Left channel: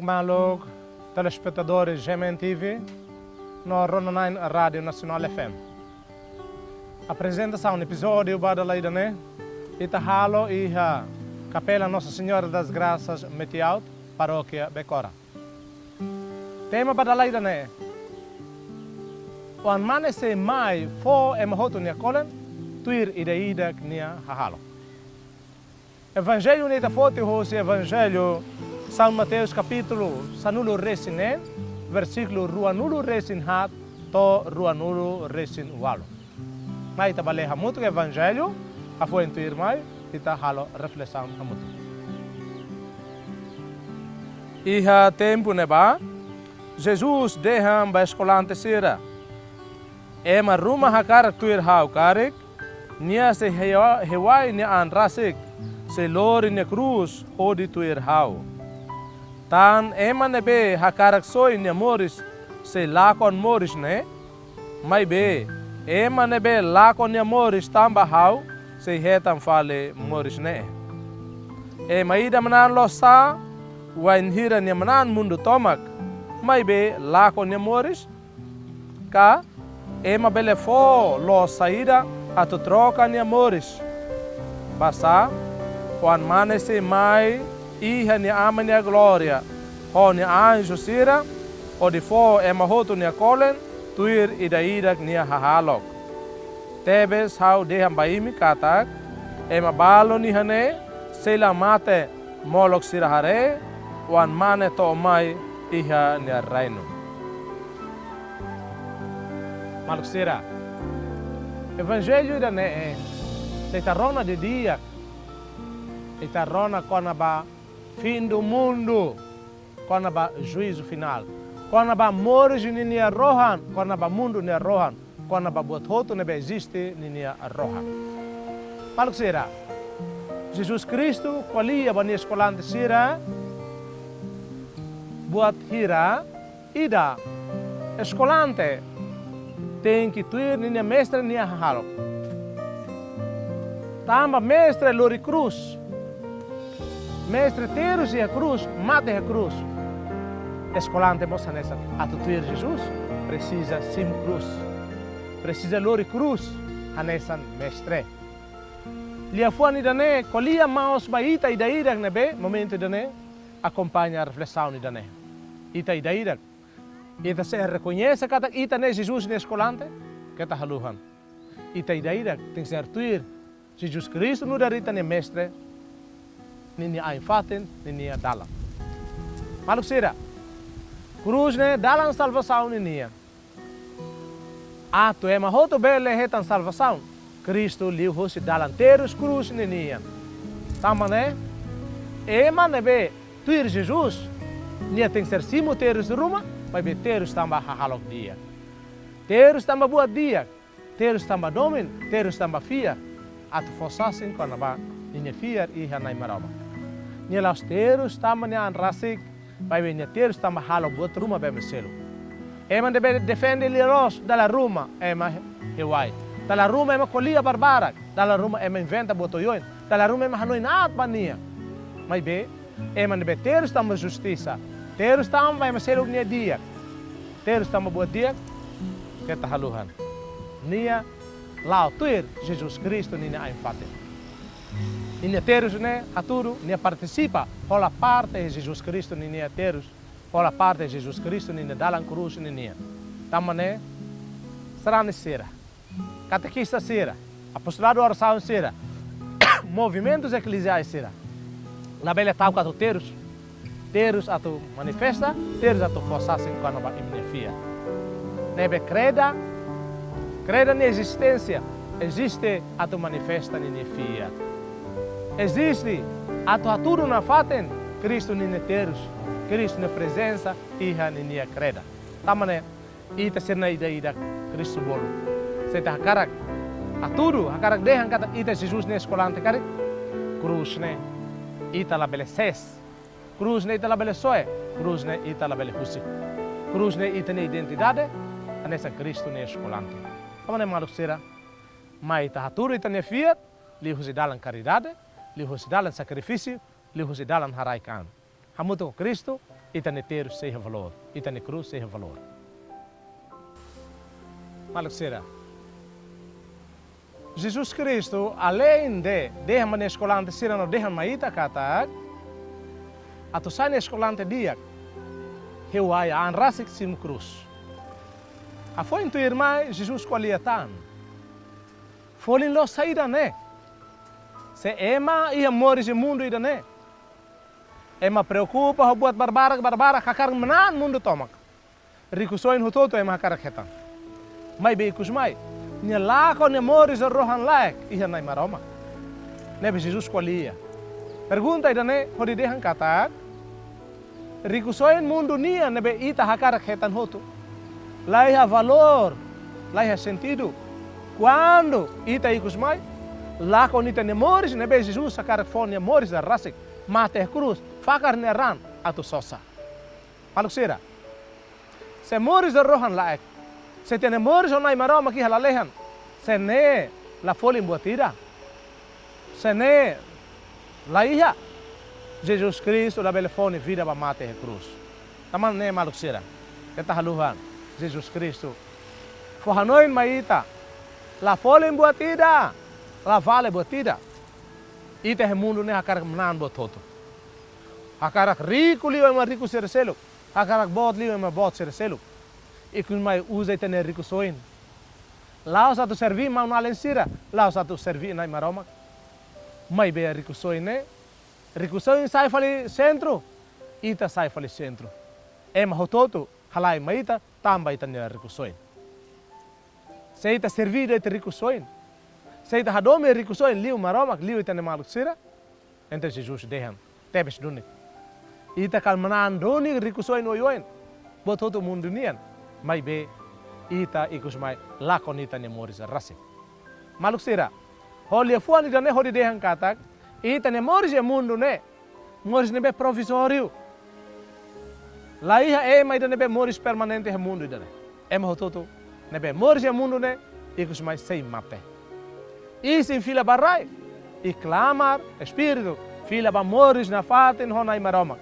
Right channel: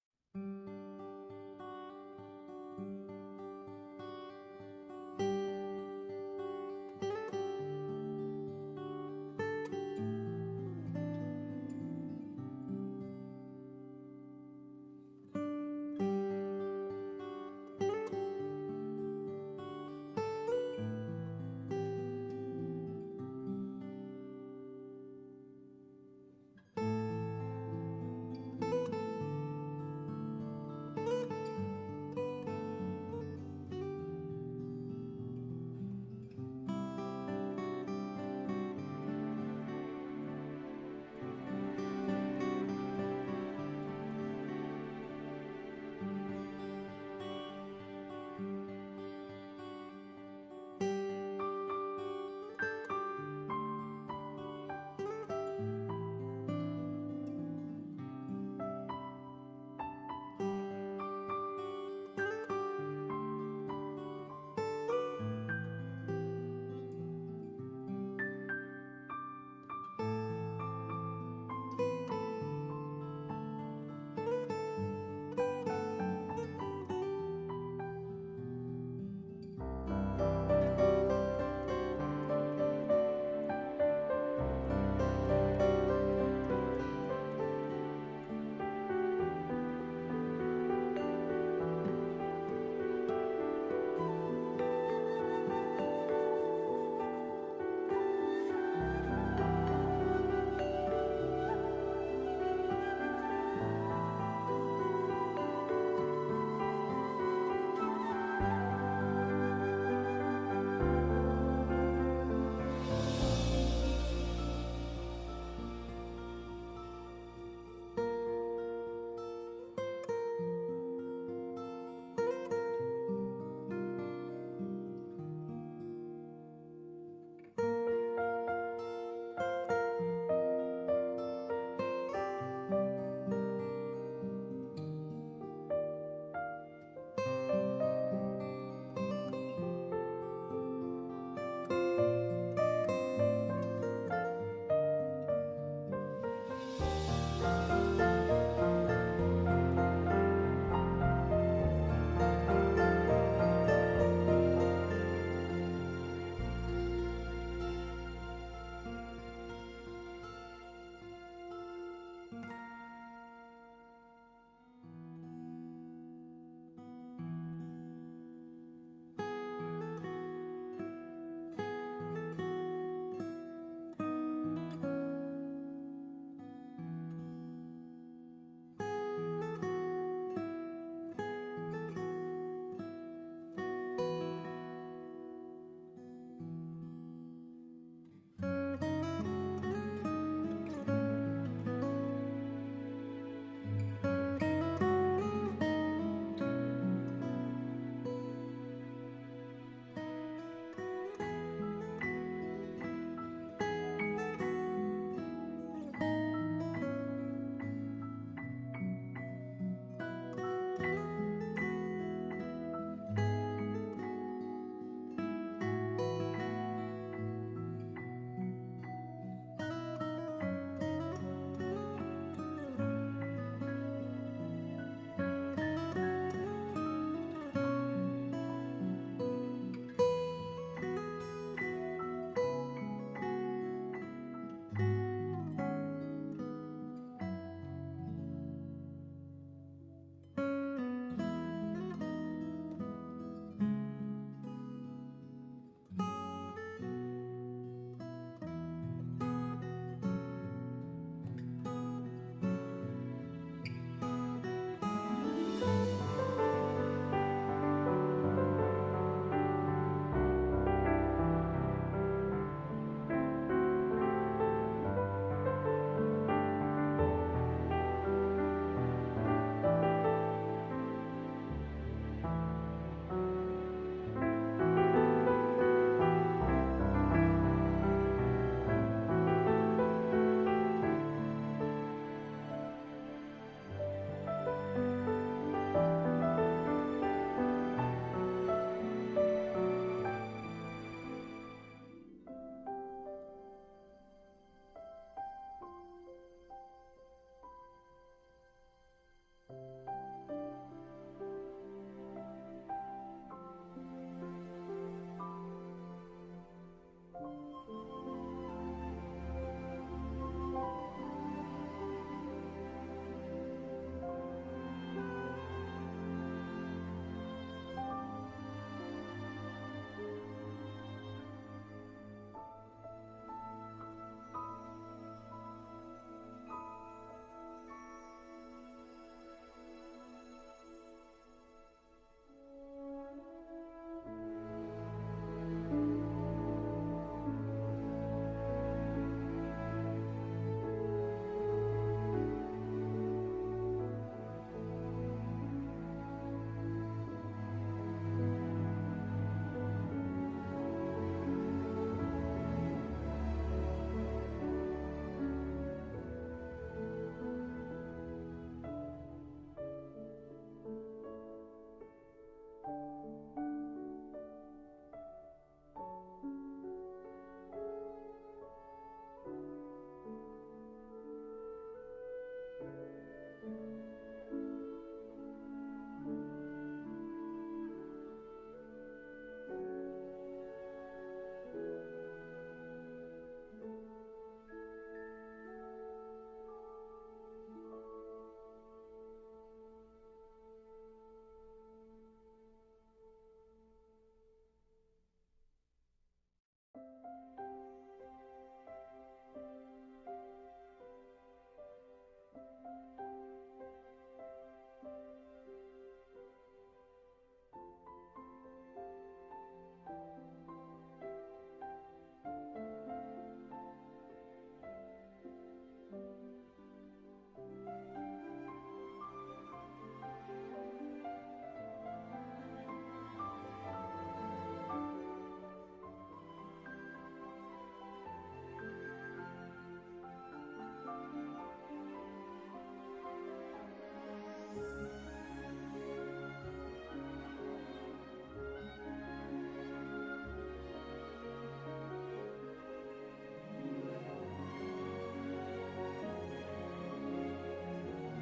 Malog, telespectadores GMNTV, no Ronanine Rádio Nacional FM. Apresentação do episódio para a Idane, Itahalo e a Capela Nossa Senhora das Graças Metiaut, Paróquia Becora. Tema para a Idane, o amanhecer mai fo e mahoto nia kolen, tuir ida nia hahalo. Evangelho neta foto hoje Evangelho São Mateus capítulo sanulo resine, versículo ruanulo resin hat to ruanulo resin walo. Mai tabale hamuto Evangelho, a foi intuir mai, ita halo reflexão hamuto. Iha tempo neba, Jesus deha ba escolante sira. Ema ruma hakar tuir hau karek, nia se hewai ni an rasik, se lori ne cruz odi tuir hau. Tan ema nebe hakarak soi ne moris se lakon moris ne, mai be ema nebe lakon ne moris tamba hau se hetam fale moris ne. Ema ida manan losa, wain hira ne manan mundo tomak, mai be lakon ne moris, ka ema bele fo lo saída atu troca ne moris. Basa, quan manese mai iha ni ama ni glória, ho ni anjo sira, o de fo e mahoto ni kolen, tuir ida ni hahalo. Tebes hau deham baimi katak, e mabalo ni hane, sela mate molok sira hare, wan mane to mai iha ni reino. Malok sira, Evangelho ida ne e tarona de dia, e tarona quando ba fim do mundo, quando ba juízo final, quando ba morte ni rohan, quando ba mundo ni rohan, quando ba bototo ne existe ni rohan. Paluk sira, Jesus Cristo qualia ba ni escolante sira, buat hira, ida escolante, tem que tuir ni mestre ni halo. Tamba mestre lori cruz. Mestre teros e a cruz, mate a cruz. Escolante possa nessa. A tutuir Jesus precisa sim cruz. Precisa lori cruz a nessa mestre. Lia fuani dane, colia maus baita e daírak nebe, momento dane, acompanha a reflexão dane. Ita e daírak. Ita se reconhece que ita ne Jesus ne escolante, que ta haluhan. Ita e daírak tem que ser tuir Jesus Cristo no darita ne mestre. Nini a infaten, nini a dalam. Maluk sira, cruz ne dalam salvação nini. Ato é mahoto bele hetan salvação. Cristo liu hosi dalam terus cruz nini. Tama ne, ema nebe tuir Jesus, nia tem ser simo terus ruma, mas be terus tamba hahalok dia. Terus tamba buat dia, terus tamba domin, terus tamba fia. Ato fosasin para ba nini fiar iha nai marama. Nia laus terus tamba nia an rasik, bai nia terus tamba halo buat rumah bai meselo. Ema debe defende liros dalla ruma, ema hewai. Dalla ruma ema colia barbarak, dalla ruma ema inventa botoyoin, dalla ruma ema hanoi naat bania. Mai be, ema debe terus tamba justiça, terus tamba bai meselo nia dia, terus tamba buat dia, kita haluhan. Nia lau tuir Jesus Cristo nia ainfate. Nia terus ne aturu nia participa hola parte de Jesus Cristo nia terus hola parte de Jesus Cristo nia dalam cruz nia tamane serane sera catequista sera apostolado oração sera movimentos eclesiais sera na bela tau atu terus atu manifesta terus atu força sem quando ba imnefia nebe creda na existência existe atu manifesta nia fia. Existe atu na faten Cristo nine terus, Cristo na presença iha ninia creda. Tamane ita serna ida Cristo bolo. Seta hakarak hakarak dehan kata ita Jesus ne escolante karik cruz ne ita la bele ses, cruz ne ita la bele soe, cruz ne ita la bele husi, cruz ne ita ne identidade, anessa Cristo ne escolante. Tamane maluk sera, mai ita haturu ita ne fiat, li husi dalam caridade, li husi dalam sacrifício, li husi dalam haraikan. hamuto com Cristo, ita ne ter seja valor, ita ne cruz seja valor. Maluk sira. Jesus Cristo, além de deixar na escolante sira no deixar maita katak, atu sai na escolante dia, eu ai anrasik sim cruz. A foi tu irmã Jesus qualiatan. Foi lo saída né. Se ema ia morrer no mundo ida né. Ema preocupa buat barbara kakar menan mundo tomak. Riku soin hutoto ema kakar ketan. Mai be ikus mai. Nia lako nia morrer rohan laik ia nai maroma. Nebe Jesus qualia. Pergunta ida né hodi dehan katak. Riku soin mundo nia nebe ita kakar ketan hoto. Laiha valor, laiha sentido. Quando ita ikus mai, lá quando ita nemores, nebe Jesus sakar fon nemores a rasik, mate a cruz, fakar neran atu sosa. Paluk sira. Se mores a rohan laek, se te nemores onai maroma ki halalehan, se ne la folim buatira, se ne laiha, Jesus Cristo la belefone vida ba mate a cruz. Taman ne maluk sira. Kita haluhan. Jesus Cristo. Forhanoin maita. La folim buatida. La vale buatida. Ite he mundo ne hakarak menan bototo. Hakarak rico liu ema rico sereselu. Hakarak bot liu ema bot sereselu. Ikun mai usa ite ne rico soin. Lao satu servi mau na lensira. Lao satu servi na maroma. Mai be rico soin ne. Rico soin sai fali centro. Ita sai fali centro. Ema hototo. Halai maita tamba ita ne rico soin. Se ita servido ita rico soin. Se ita hadome rico soin liu maromak liu ita ne maluk sira. Ente Jesus dehan. Tebes duni. Ita kalmanan doni rico soin oyoin. Bot hoto mundo nian. Mai be ita ikus mai lakon ita ne moris rasi. Maluk sira. Holia fuan ita ne hodi dehan katak. Ita ne moris mundo ne. Moris ne be provisório. Laiha ema ida nebe moris permanente he mundo ida. Ema hototo nebe moris he mundo ne ikus mais sei mate. Isin fila barai e clamar espírito fila ba moris na faten honai maroma.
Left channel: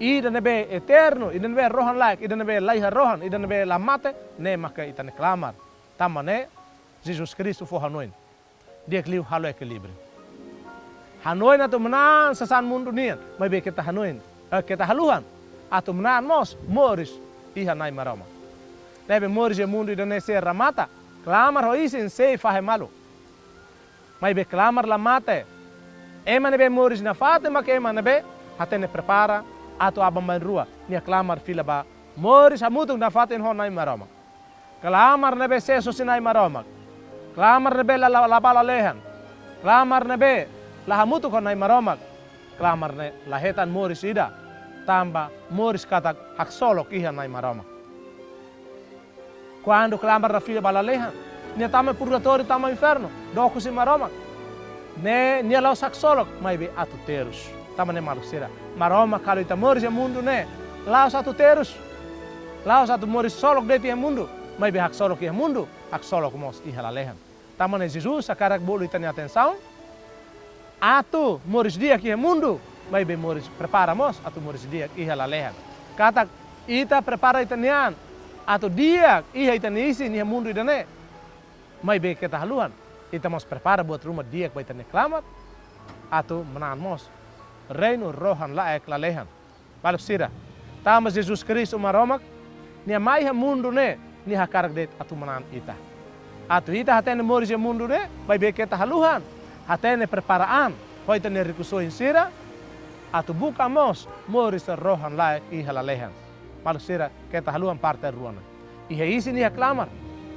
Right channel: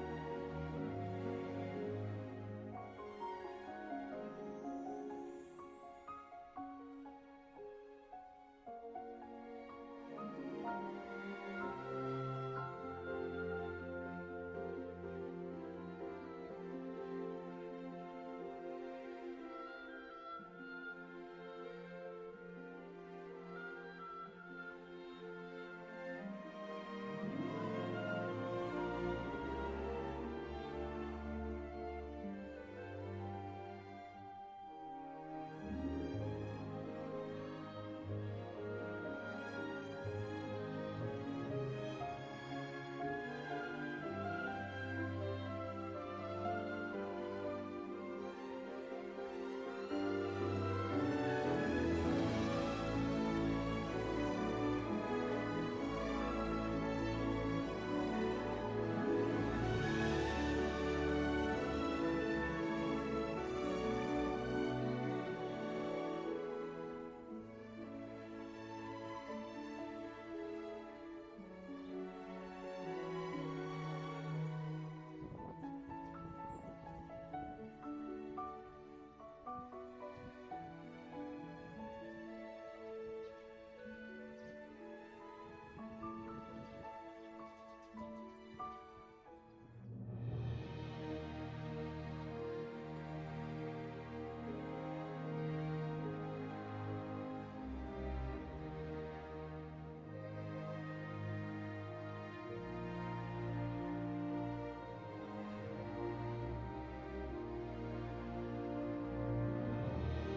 Ida nebe eterno, ida nebe rohan laik, ida nebe laiha rohan, ida nebe la mate ne maka ita ne clamar. Tamane Jesus Cristo for hanoin. Dia kliu halo equilíbrio. Hanoin atu menan sasan mundo nian, mai be kita hanoin, kita haluhan. Atu menan mos moris iha nai maroma. Nebe moris e mundo ida ne se ramata. Clamar ho isin sei fahe malu. Mai be clamar la mate. Ema nebe moris na fate mak ema nebe hatene prepara atu abamban rua. Nia clamar fila ba moris hamutung na fate ho nai maroma. Clamar nebe se sosinai maroma. Clamar nebe la bala lehan. Clamar nebe la hamutu ho nai maroma. Clamar ne la hetan moris ida. Tamba moris katak hak solok iha nai maroma. Quando clamar na fila bala lehan. Nia tama purgatorio tama inferno. Doku si maroma. Ne nia laus hak solok mai be atu terus. Tama ne marusira. Maroma kalau ita moris e mundo ne. Laus atu terus. Laus atu moris solok deti e mundo. Mai be hak solok e mundo. Hak solok mos iha la lehan. Tama ne Jesus sakarak bolu ita ne atenção. Atu moris dia ki e mundo. Mai be moris prepara mos atu moris dia iha la lehan. Kata ita prepara ita nian. Atu dia iha ita isi ni mundo ida ne. Mai be kita haluan. Ita mos prepara buat rumah dia ke ita ne clamar. Atu menan mos. Reino rohan laek la lehan. Balap sira. Tama Jesus Cristo maromak. Nia mai ha mundo ne. Ni hakarak det atu menan ita. Atu ita hatene moris e mundo ne. Mai be kita haluhan. Hatene preparaan. Ho ita ne rikusoin sira. Atu buka mos moris rohan laek iha la lehan. Balap sira kita haluan parte ruana. Iha isi ni clamar.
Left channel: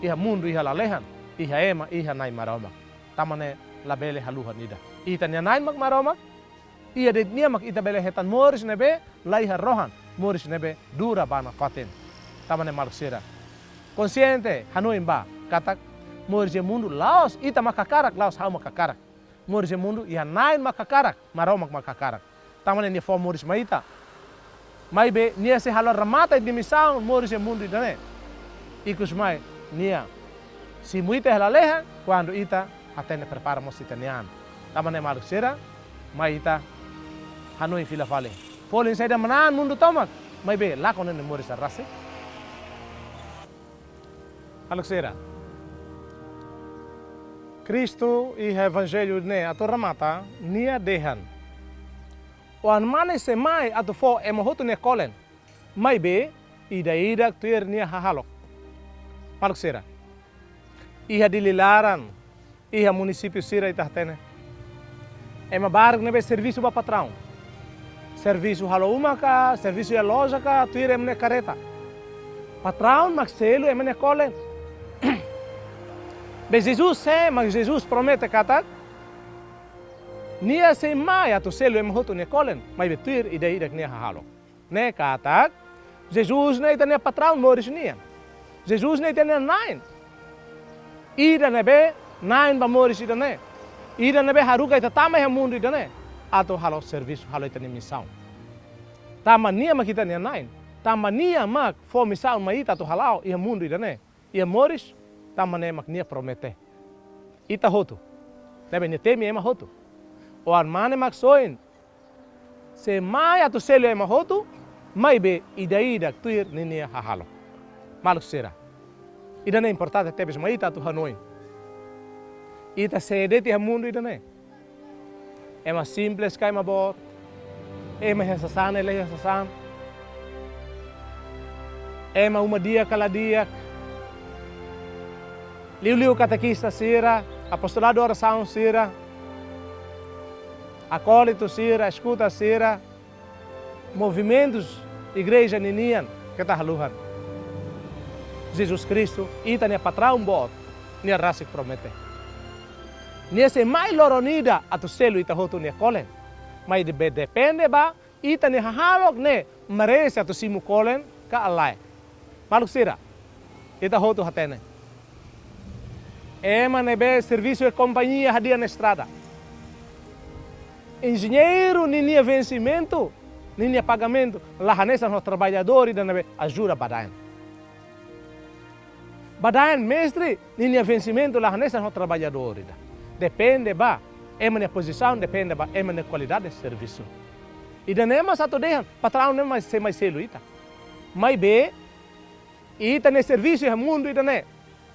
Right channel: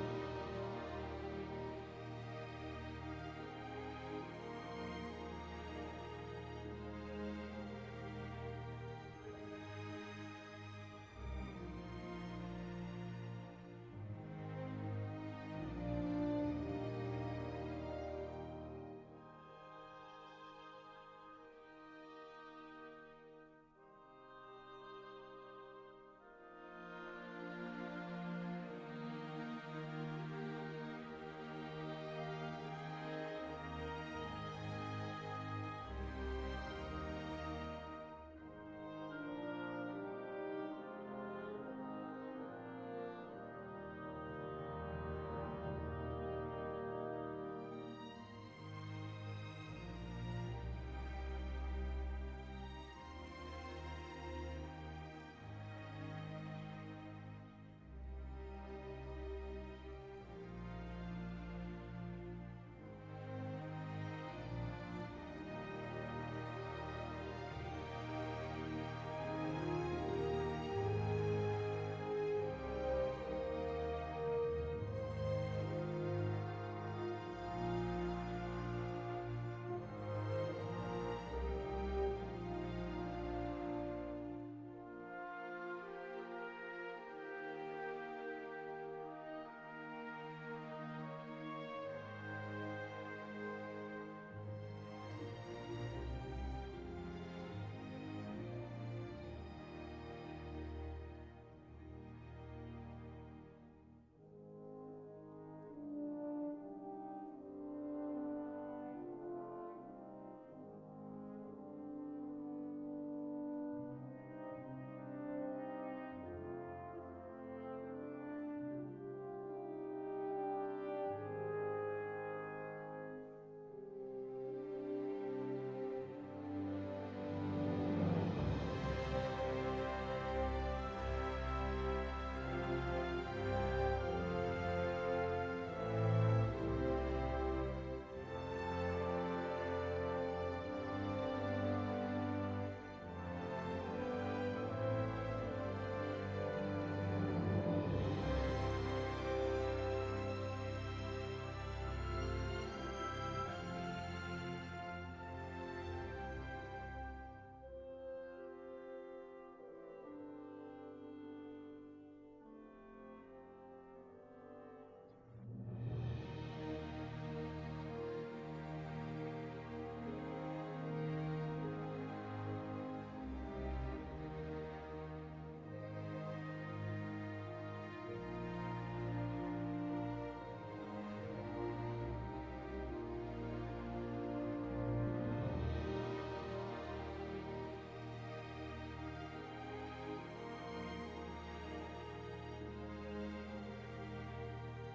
Iha mundo iha la lehan. Iha ema iha nai maroma. Tamane la bele haluhan ida. Ita nia nai mak maroma. Iha det nia mak ita bele hetan moris nebe laiha rohan. Moris nebe dura bana faten. Tamane malusira. Consciente hanoin ba katak moris e mundo laos ita makakarak laos hau makakarak. Moris e mundo iha nai makakarak maromak makakarak. Tamane nia fo moris maita. Mai be nia se halor ramata di misaun moris e mundo idane. Ikus mai nia si muita hela leha quando ita atene prepara mos itanian. Tamane malusira mai ita hanoi fila fale. Folin saya dah menan mundo tomak. Mai be lakon ne mori sa rase. Alexera. Cristo e evangelho ne ato ramata nia dehan. Wan mane se mai ato fo emohoto ne kolen. Mai be ida tuir nia hahalok. Alexera. Iha dililaran, iha município sira itartene. Ema barg nebe serviço ba patrão. Serviço halo umaka, serviço ya loja ka, tuir emne careta. Patrão maxelo emne kolen. Be Jesus se, mas Jesus promete katak. Nia se mai atu selo emhoto ne kolen, mai betuir ida nia halo. Ne katak. Jesus ne itania patrão moris nia. Jesus ne itania nine. Ida nebe nine ba moris ida ne. Ida nebe haruka ita tama ya mundo ida ne. Ato halo serviço halo itania missão. Tama nia makita nia nine. Tama nia mak fo missão maita ato halao ia mundo ida ne. Ia moris tama ne mak nia promete. Ita hotu. Nebe ne temi ema hotu. O armane mak soin. Se mai ato selo ema hotu. Mai be ida tuir nia hahalo. Maluk sera. Ida ne importante tebes maita tu hanoi. Ita sedeti ha mundo ida ne. Ema simples kai ma bor. Ema hesasan ele hesasan. Ema uma dia kala dia. Liu catequista sira, apostolado oração sira. Acólito sira, escuta sira. Movimentos igreja ninian que tá haluhan. Jesus Cristo, ita nia patrão bot, nia raça que promete. Nia se mai loronida atu selo ita hotu nia kolen. Mai depende ba, ita nia halok ne, merece atu simu kolen ka alai. Maluk sira, ita hotu hatene. Ema nebe serviço e companhia hadia na estrada. Engenheiro ninia vencimento, ninia pagamento, lahanesa no trabalhador e da nebe ajuda badain. Badain mestre, ninia vencimento, lahanesa no trabalhador. Depende ba, ema na posição, depende ba, ema na qualidade de serviço. E da nema sato dehan, patrão nem mais se mais selo ita. Mai be, ita ne serviço e mundo ita ne.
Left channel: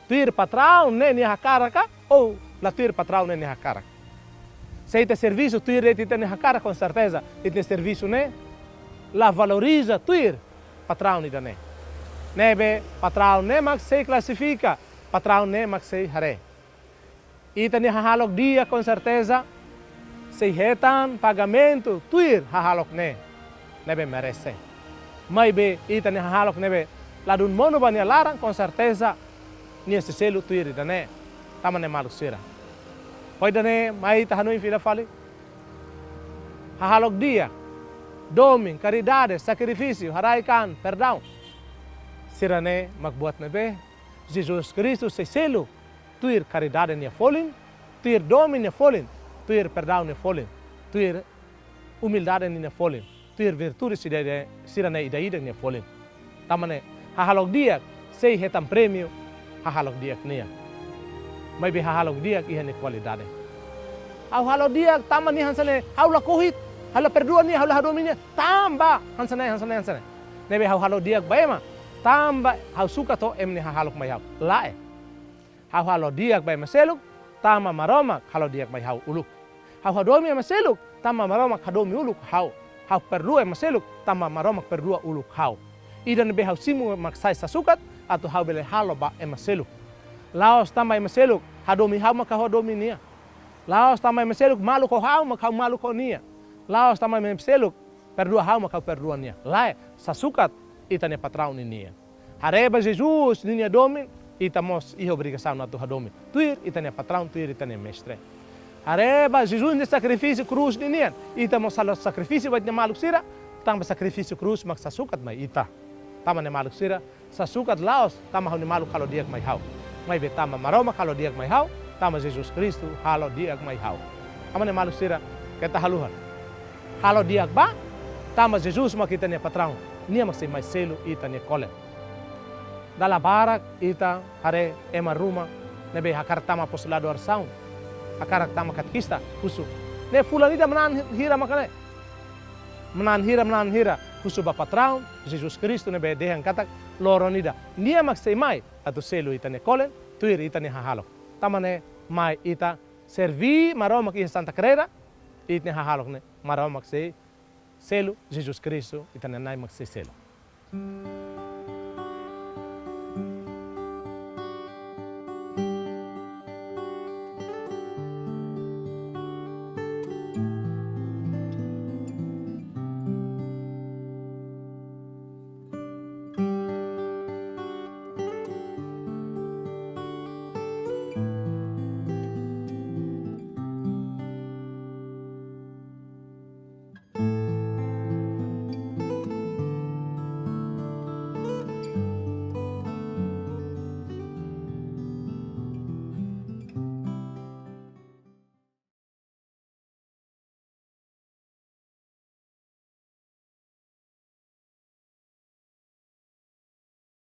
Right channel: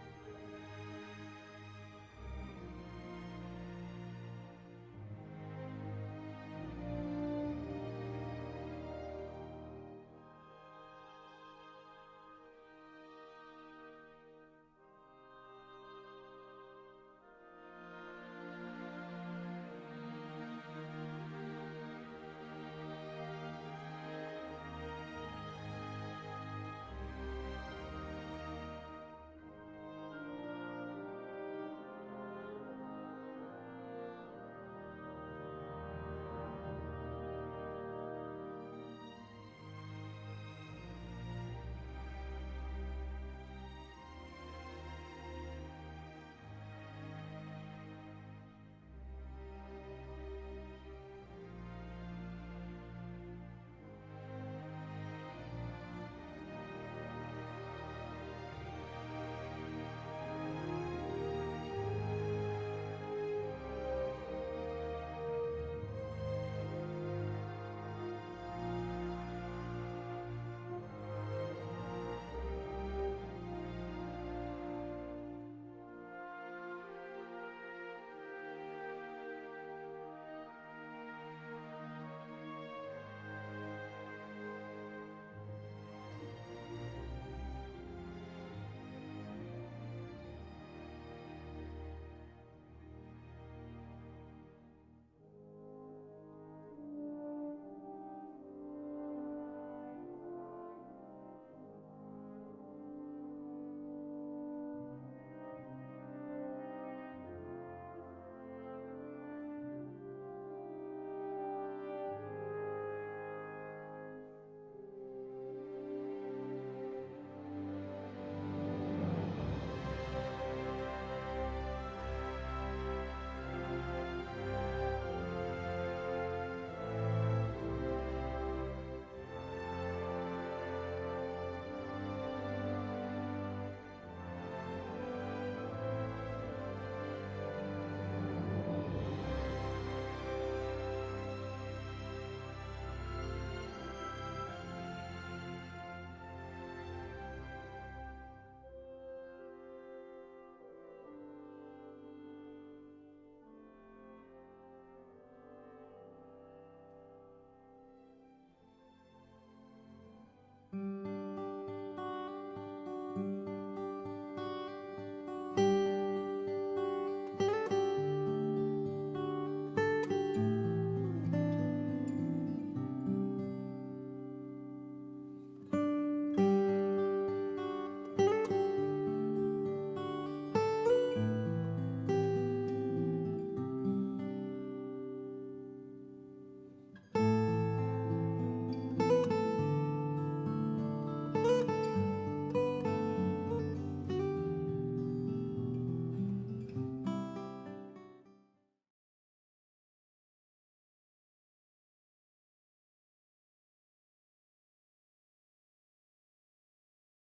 Tuir patrão ne ni hakaraka ou la tuir patrão ne ni hakaraka. Se ite serviço tuir ite ne hakara com certeza, ite serviço ne la valoriza tuir patrão ida ne. Nebe patrão ne mak se classifica, patrão ne mak se hare. Ite ne hahalok dia com certeza, se retan pagamento tuir hahalok ne. Nebe merece. Mai be ite ne hahalok nebe la dun mono bania larang com certeza. Nia se selo tuir ida ne, tama ne malu sira. Poi dane mai tahanui fila fali. Hahalok dia, doming, caridade, sacrifício, haraikan, perdão. Sira ne magbuat nebe, Jesus Cristo se selo, tuir caridade nia folin, tuir doming nia folin, tuir perdão nia folin, tuir humildade nia folin, tuir virtude sira ne ida nia folin. Tama ne hahalok dia, sei hetam prêmio, hahalok dia nia. Mai be hahalok dia iha ni qualidade. Au halok dia tama ni hansane, hau la kohit, hala perdua ni, hau la hadominya, tamba hansane. Nebe hau halok dia baema, tamba hau suka to emni hahalok mai hau. Lae. Hau halok dia baema seluk, tama maroma halok dia mai hau uluk. Hau hadomi maseluk, tama maroma hadomi uluk hau. Hau perdua maseluk, tama maroma perdua uluk hau. Ida nebe hau simu maksai sasukat atau hau bele halo ba emaseluk. Laos tama emaseluk, hadomi hau maka hadomi nia. Laos tama emaseluk, malu ko hau maka malu ko nia. Laos tama emaseluk, perdua hau maka perdua nia. Lae, sasukat ita ne patrão nia. Hareba Jesus nia domin, ita mos iho obrigação na tu hadomi. Tuir ita ne patrão, tuir ita ne mestre. Hareba Jesus ne sacrifício cruz nia. Ita mos salo sacrifício bat ne malu sira, tamba sacrifício cruz mak sasukat mai ita. Tama ne maluk sira, sasukat laos, tama hau ne maluk halo diak mai hau. Mai be tama maroma halo diak mai hau, tama Jesus Kristu halo diak mai hau. Tama ne maluk sira, kata haluhan. Halo diak ba, tama Jesus makita ne patrão, nia maksay mai selo ita ne kole. Dala barak ita hare ema ruma, nebe hakar tama apostolado oração, hakar tama katekista, kusu. Ne fulanita manan hira makane. menanhira kusu patrão Jesus Cristo nebe dehang katak loronida nia maksei mai atu selu itane kolen tuir itane hahalok tamane mai ita servi maromak in Santa Creda itne hahalok ne maromak sei selu Jesus Cristo itane nai maksei selu